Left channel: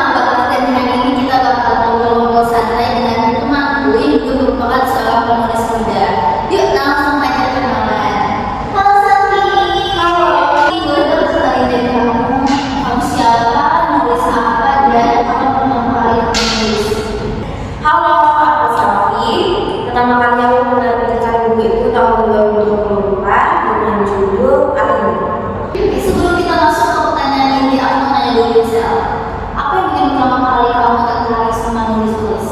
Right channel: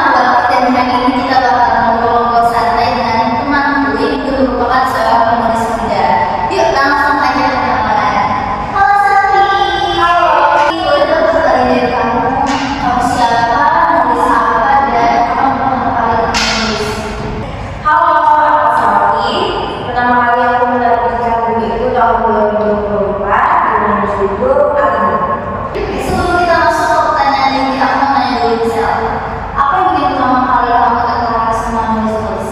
aku Bakti dan hari ini kita bakal ngobrol-ngobrol santai dengan temanku yang juga merupakan seorang penulis muda. Yuk langsung aja kenalan. Halo Santi. Halo. Boleh dong ceritain dari kamu. Kamu siapa, menulis apa, dan apa pertama kali kamu nulis? Halo, aku Safi. Pertama kali aku menerbitkan buku itu tahun 2024 dengan judul Alim. Sebelum kita masuk ke pertanyaan ini, aku mau nanya dulu Sel. Apa yang bikin pertama kali kamu tertarik sama nulis?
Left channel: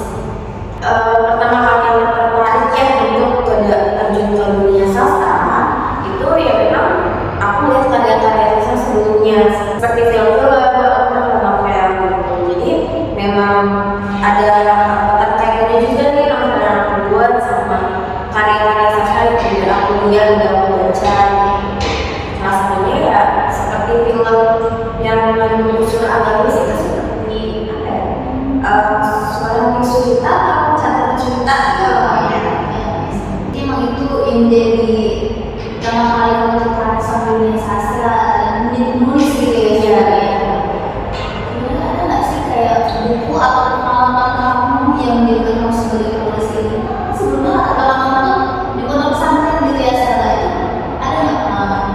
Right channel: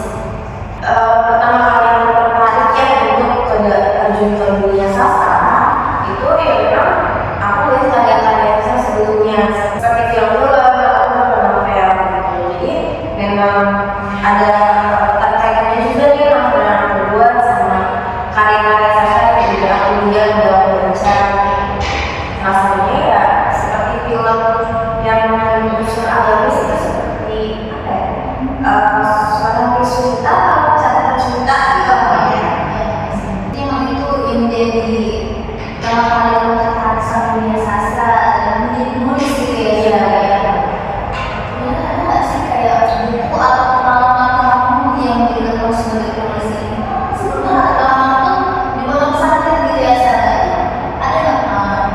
Pertama kali yang tertarik ya untuk terjun ke dunia sastra itu ya memang aku lihat karya-karya sastra sebelumnya seperti film-film atau novel gitu. Jadi memang ada terkaitannya juga nih novel yang aku buat sama karya-karya sastra yang juga aku lihat dan aku baca. Salah satunya ya seperti film yang menyusul agamis itu seperti apa ya? Seorang bisu cinta atau catatan cinta Jadi emang itu yang jadi pertama kali kamu tertarik sama dunia sastra dan nulis gitu ya? Iya. Kemudian ada nggak sih kayak buku atau pengalaman kamu yang menjadikan kamu sebagai penulis ini? Sebelumnya pengalaman pun di pondok pesantren gitu ya Sarah? Ada nggak pengalaman?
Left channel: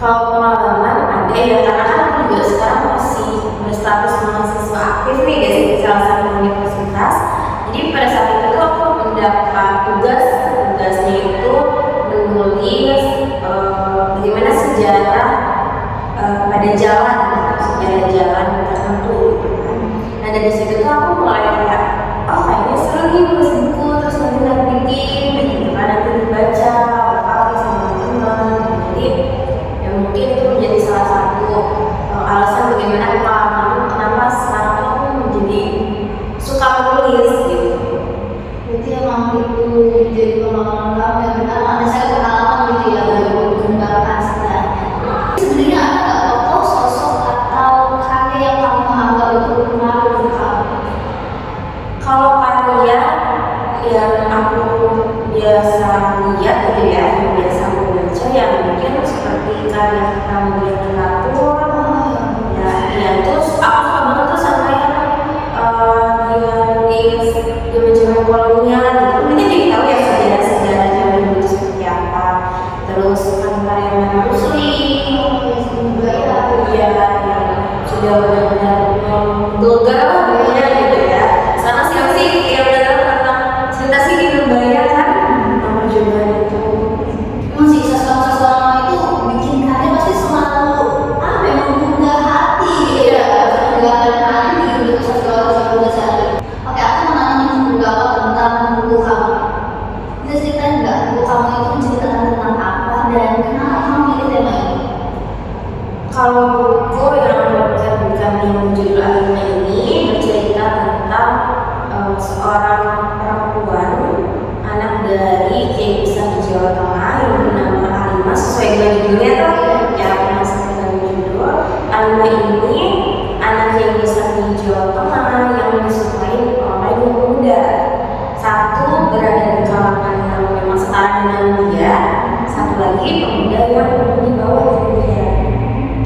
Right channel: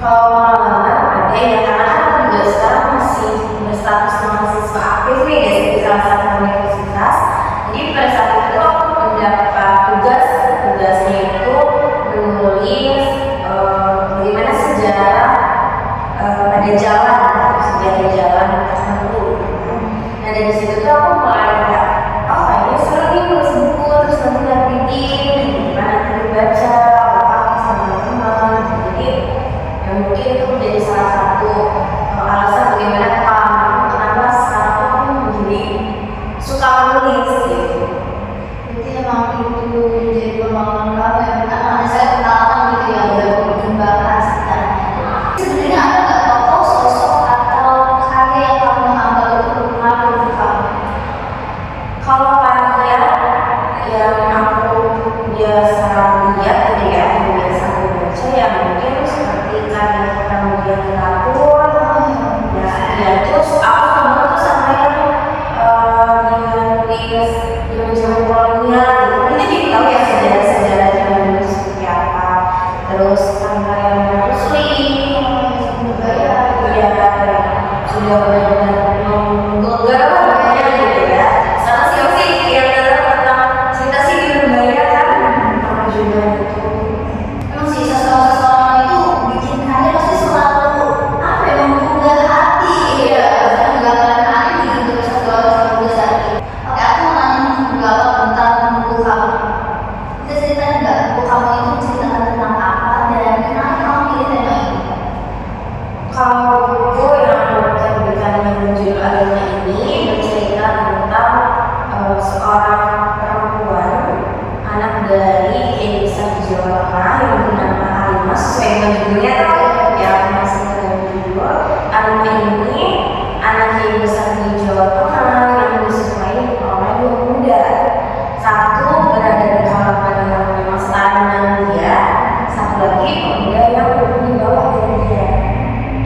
Kalau pengalaman ada ya, karena kan aku juga sekarang masih berstatus mahasiswa aktif nih dari salah satu universitas. Jadi pada saat itu aku mendapat tugasnya itu menulis bagaimana sejarah pada sejarah jalan tertentu. Nah dari situ tuh aku mulai kayak, oh kayaknya seru nih nulis buku terus nanti nerbitin, gimana nanti dibaca, apa sama teman-teman. Jadi ya mungkin itu menjadi salah satu alasan bagaimana pengalaman kenapa sekarang aku menjadi suka menulis gitu. Berarti emang itu jadi pengalaman kamu yang benar ada saya pengalaman gitu ya baru mengembangkan sebenarnya. Sebenarnya ada nggak tokoh, sosok atau karya yang kamu anggap itu berpengaruh untuk kamu? Kalau karya yang aku biasa lihat gitu ya, yang biasa aku baca ya mungkin seperti karya Pramudia Teratur. Ya itu aku suka banget tuh sama yang dia nulis zaman-zaman kolonial gitu. Nanti jadi tahu ya sejarah zaman dulu seperti apa. Terus karya Rusli, Budaya. ya sudah benar-benar menggelegar lah pokoknya gitu ya. Sama sih yang tentang cerita sih di Lembaya kan, sama juga itu. Emang sih seseorang itu bikin karya pasti selalu apa ya menggugah hati gitu ya, menggugahkan hati untuk seseorang besar. Oke, aku mau nanya beberapa tentang buku kamu. Bisa ceritain nggak buku kamu itu menceritakan tentang apa dan kenapa kamu pilih tema ini? Kalau buku yang diterbitkan yang berjudul Alimnya ini bercerita tentang seorang perempuan anak dari Kiai Besar di Jawa Tengah yang bernama Alimah, sesuai dengan judulnya tuh ya aku masih dengan judul Alimah ini anak Kiai Besar di Jawa Tengah yang disukai oleh dua pemuda. Satu berada di kalangan yang memang setara dengan dia, satu lagi pemuda yang di bawah dari dia.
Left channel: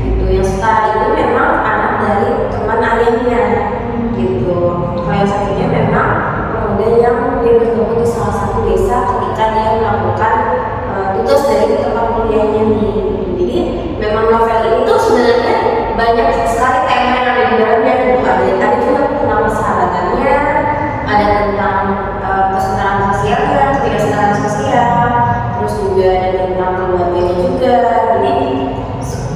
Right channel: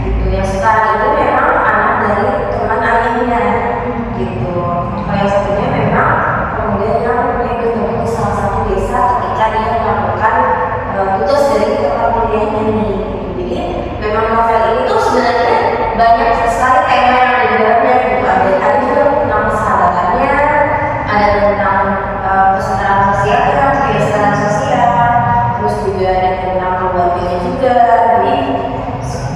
Gitu. Yang setara ini memang anak dari teman ayahnya. Gitu. Kalau yang satunya memang pemuda yang dia bertemu di salah satu desa ketika dia melakukan tugas dari tempat kuliahnya nih. Jadi memang novel ini tuh sebenarnya banyak sekali tema yang ada di dalamnya gitu. Ada juga tentang persahabatannya, ada tentang kesetaraan sosialnya, kebiasaan sosial, terus juga ada tentang keluarganya juga. Jadi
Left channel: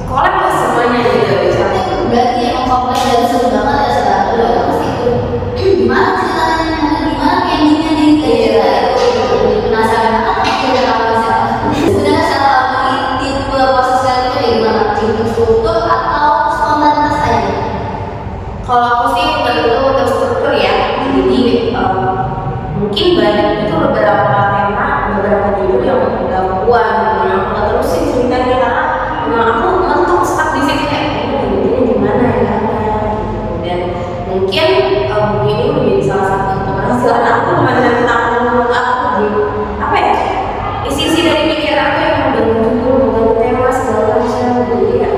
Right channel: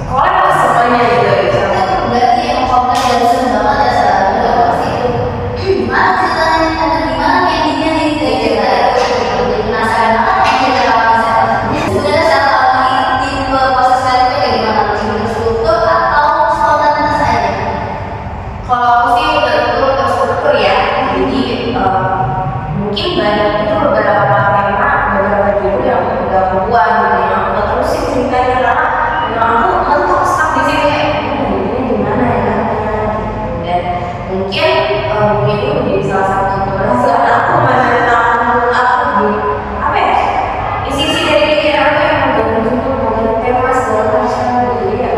kolek lah semuanya gitu. Berarti yang kompleks dan sudah banget ya salah pasti itu. Gimana ceritanya? Gimana endingnya nih dari cerita itu? Penasaran banget sama cerita kamu Sel. Sebenarnya saat kamu tipe proses kreatifnya kayak gimana? Struktur atau spontanitas aja? Kalau aku sih betul terstruktur ya. Jadi mungkin banyak itu beberapa tema, beberapa judul yang udah aku buat gitu, yang aku terusin ceritanya karena memang aku mentok stuck di situ kayak ini gimana ya kan. Dan mungkin ini menjadi salah satu keberhasilan aku tentang aku apa ya isi-isi dari pikiran aku yang membangun judul, membangun tema segala macam. Jadi ya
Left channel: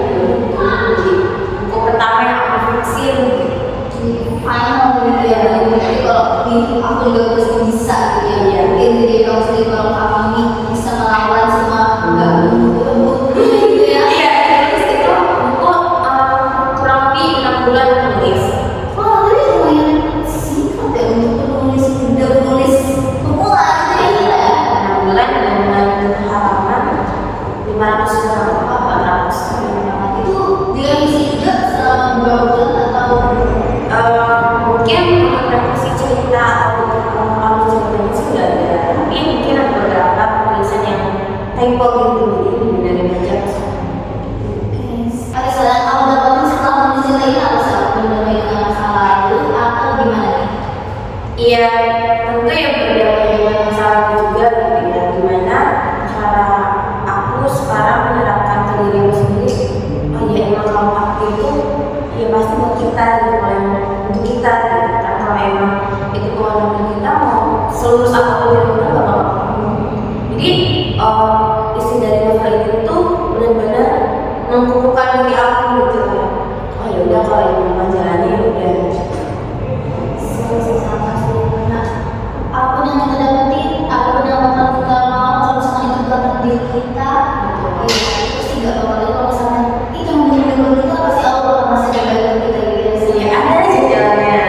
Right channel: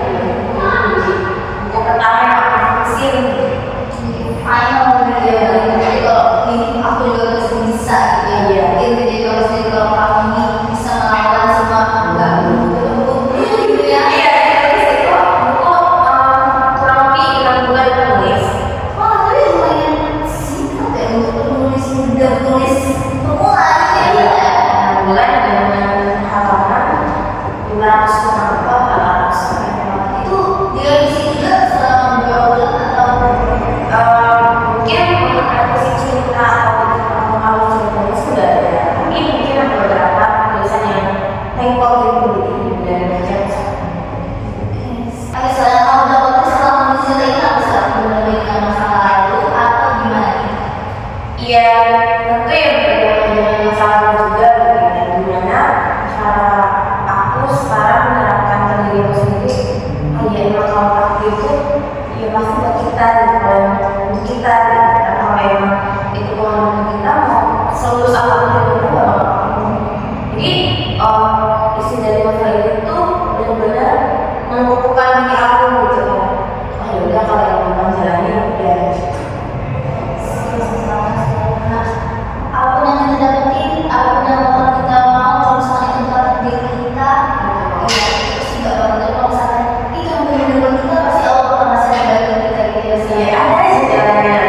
buku pertama yang aku fixin. final gitu ya. Jadi kalau aku juga harus bisa gitu ya. Jadi kamu sendiri kalau kamu ini bisa melawan semua nggak lembut gitu ya. Iya, terus itu aku kurang lebih 6 bulan menulis. Wah, tapi lumayan singkat ya untuk penulis pemula gitu ya. 6 bulan dengan halaman 500 Wah, 400 itu dia isi juga selama berapa bulan atau mungkin untuk revisi cerita atau untuk mengalami cerita sudah ada, tapi mungkin ada beberapa tulisan yang typo gitu, jadi dari aja. Oke, sekarang kamu dapat setelah menulis cerita ini harus benar-benar masa lalu atau gimana nih? Iya, tentu ya berbeda dengan masa lalu juga gitu ya, gimana cara aku sekarang menerapkan ke diri aku sendiri. Oh iya, emang kalau aku itu ya pasti buat kita gitu, kalau untuk kita gitu. Karena kalau emang itu kewenangan kita mau selulus apapun yang kita bakal lakukan. Jadi isi dari novel itu benar-benar mengukuhkan diri aku gitu kan. Oh ya udah, kalau yang mau jalani ya. Apa yang kita dapetin, apa yang bakal kita mau kalau misalnya itu dapat diri kita, ya itu sih gak bakal. Kalau misalnya itu yang benar-benar kita pasti Allah bakal masih ada baik buat kita gitu ya. Ya ada aja jalannya.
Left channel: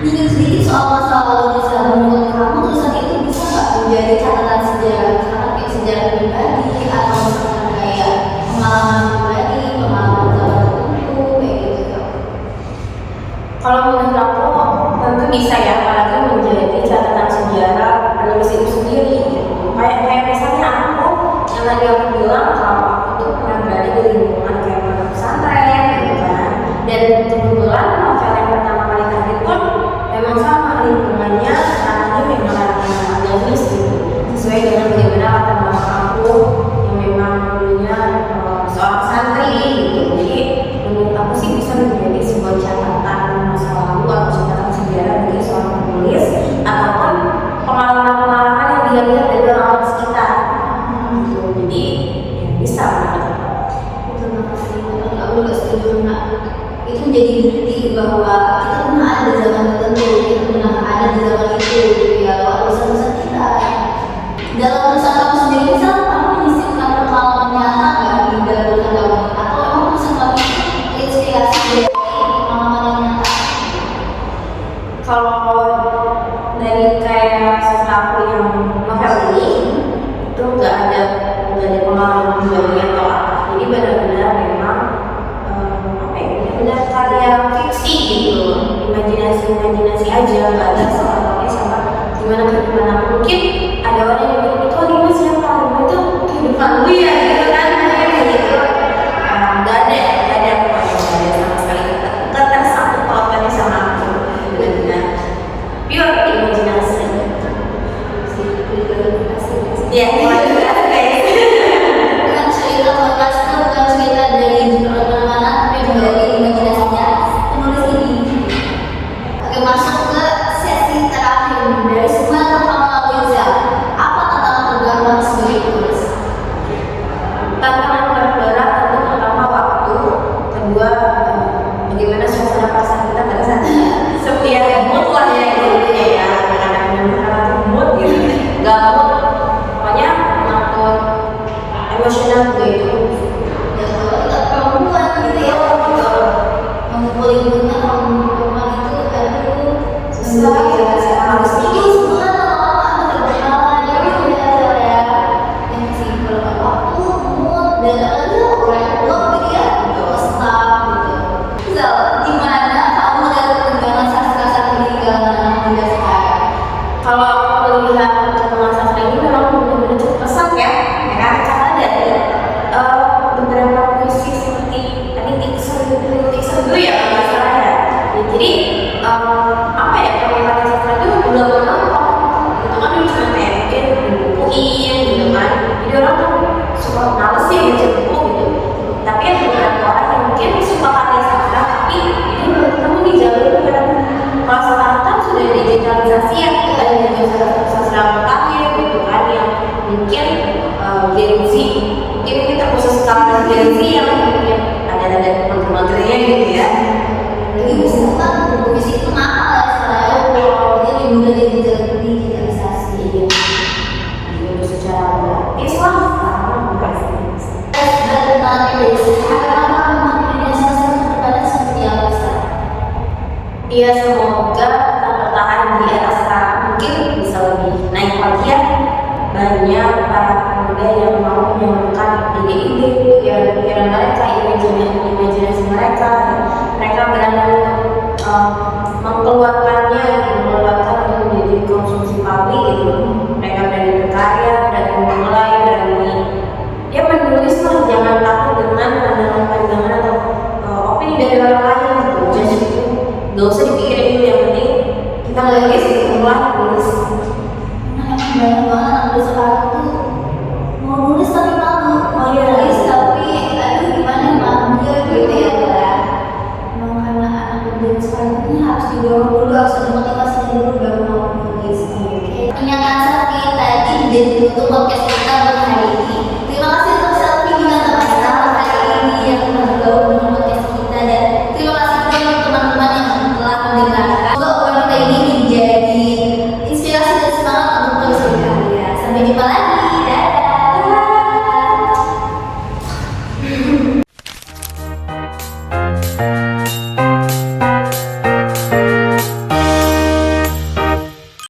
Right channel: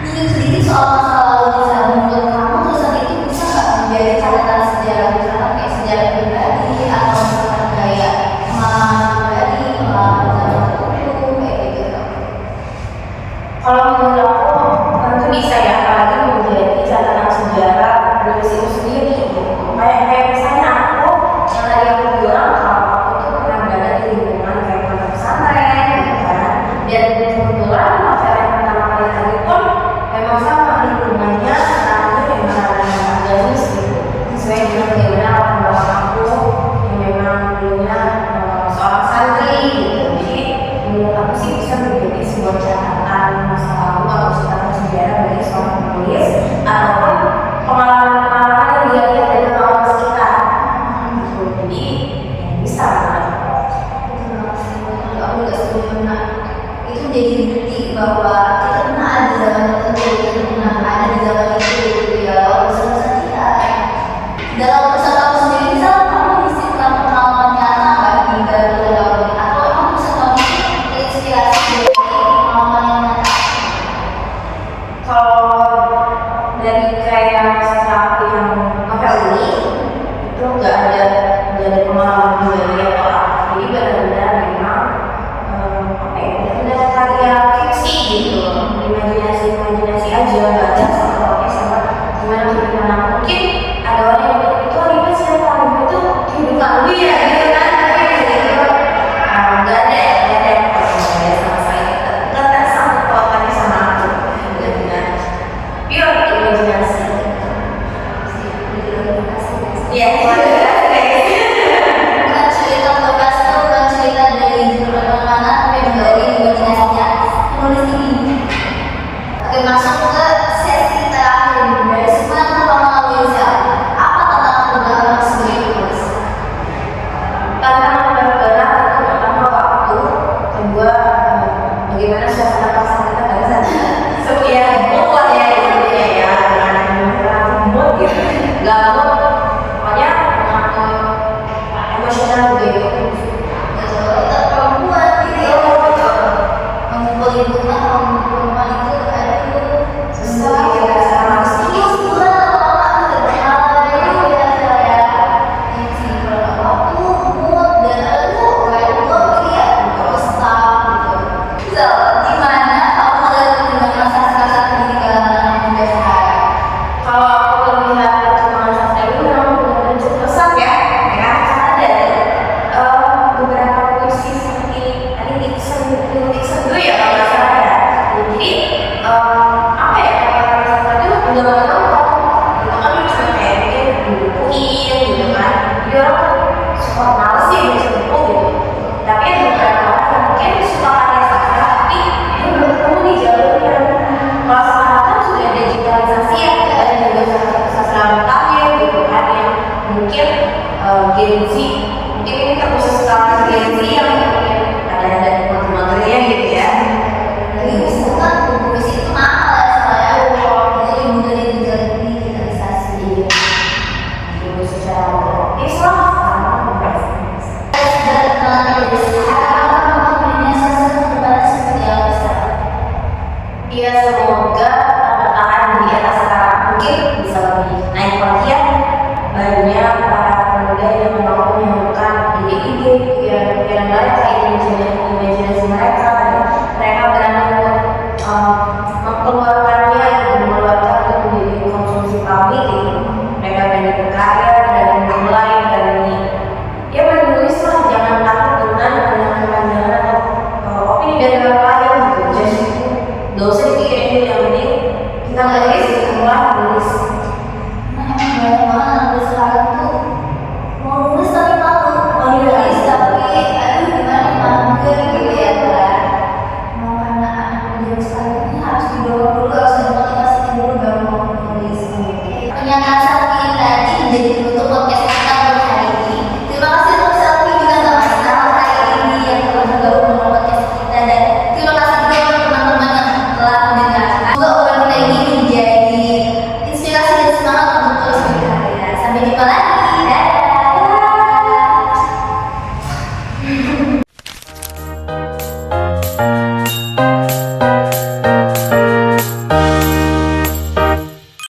Nyinggung sedikit soal masa lalu misalnya menurut kamu tulisan itu bisa nggak menjadi catatan sejarah misalnya kayak sejarah pribadi atau misalkan kayak pengalaman pribadi, pengalaman tertentu kayak gitu. Kalau menurut aku tentu bisa ya, apalagi menjadi catatan sejarah penulis itu sendiri gitu. Kayak misalnya aku yang tadi aku bilang kalau aku tuh pernah berada di lingkungan kayak pondok pesantren gitu kan, dan kebetulan novel yang pertama kali tadi pun memang sama lingkungannya, ranahnya memang ranah agamis gitu, sesuai dengan bagaimana latar belakang aku yang memang dulunya seorang santri gitu. Jadi menurut aku sih bisa menjadi sebuah catatan masa lalu atau catatan sejarah bagi seorang penulis ataupun pengalaman-pengalaman yang dia lihat dari orang sekitar. Jadi bisa banget. Betul banget sih, betul. Aku juga setuju Nak. Itu menjadi bukti bahwa kita pernah ada di zaman tertentu, kita pernah ada di zaman itu gitu ya, lewat tulisan-tulisan kita. Dalam tulisan kamu sendiri, misal kamu menyisipkan pengalaman nyata nggak di dalam tulisan kamu ini? Atau emang tulisan kamu itu terinspirasi dari pengalaman yang nyata? Kalau dari kayak sastra aku yang novel ini itu nggak ada dari pengalaman pribadi atau apa. Jadi benar-benar memang apa ya, benar-benar karya fiksi gitu, imajinasi aja, nggak ada sama sama gimana kehidupan aku. Mungkin ada orang yang bilang itu anime siapa, anime itu kehidupan lu ya gitu kan, gitu. Nggak ada pokoknya, nggak ada sama sekali, nggak tersangkut pautannya sama aku. Benar-benar pure imajinasi gitu. Ya, Bukan cerita podcast itu bukan cerita dari jurnal mana-mana, tapi memang dari imajinasinya penulis ini. Oke, masuk ke sesi terakhir dari semua yang kamu lalui Zel. Apa tantangan terberat sebagai penulis? tantangan terberat itu pertama waktu, kedua bagaimana suasana perasaan kita pada saat ya mood lah ya gitu ya, karena mood gitu, nggak mood, pokoknya ngatur emosional gitu. Ya soalnya kita perempuan gitu ya. Mengumpul ibunya kaum perempuan itu aduh susah ya. Harus Itu sebulan lama-lama udah berapa ya gitu ya. Yang sih berapa waktu, mood dan ada kayak blog gitu ya, staff gitu. Zel, di mana kamu melihat perkembangan sastra saat ini di kalangan anak muda sekarang? Kalau aku melihat perkembangan sastra ini memang benar-benar cukup pesat ya kan, karena dari beberapa puisi seperti lirik dulu ya kalau nggak salah ya. Jadi apa ya, perkembangan sastra itu benar-benar gitu kan, cuma kayak mungkin dibukuin gitu kan, jadi orang tuh suka males sih baca buku gitu. Tapi ada beberapa orang yang mungkin suka karya sastra tapi dia belum ketemu nih jalurnya. Kalau sekarang kan sudah digitalisasi ya, ada juga sastra mutakhir gitu kan, yang mungkin Gen Z, mungkin ini terkhusus sekali Gen Z yang mungkin ada mager-magernya gitu ya. Jadi misalkan buku Ya semoga tetap bertahan di era sekarang, mungkin bisa lebih naik lagi ya. Banyak para pemuda yang mau menyalurkan ide-ide, pikiran mereka, imajinasi mereka, dan mereka berani mengeluarkannya, mengeluarkan untuk menjadi konsumsi publik gitu. Mereka berani berkarya, berani memulai, berani ya menulis lah, jangan takut dengan pandangan-pandangan atau opini dari orang lain gitu. Jadi gak usah dipikirin dulu, yang penting kita nulis, mulai nulis. Banyak banget anak muda sekarang tuh mau nulis tapi malu, mau nulis tapi aduh gimana mager gitu ya kan. Mau karena anak muda sekarang ini harus didorong dulu, harus ada motivasi dulu baru mau nulis. Pernyataan Selfie tadi udah ditutup podcast kita untuk hari ini. Terima kasih untuk Selfie juga sama hari ini yang telah bergabung dengan podcast kita, dan terima kasih juga untuk teman-teman yang telah mendengarkan. Semoga obrolan kita ini menjadi inspirasi dan semangat untuk terus berkarya. Sampai jumpa lagi. Dadah.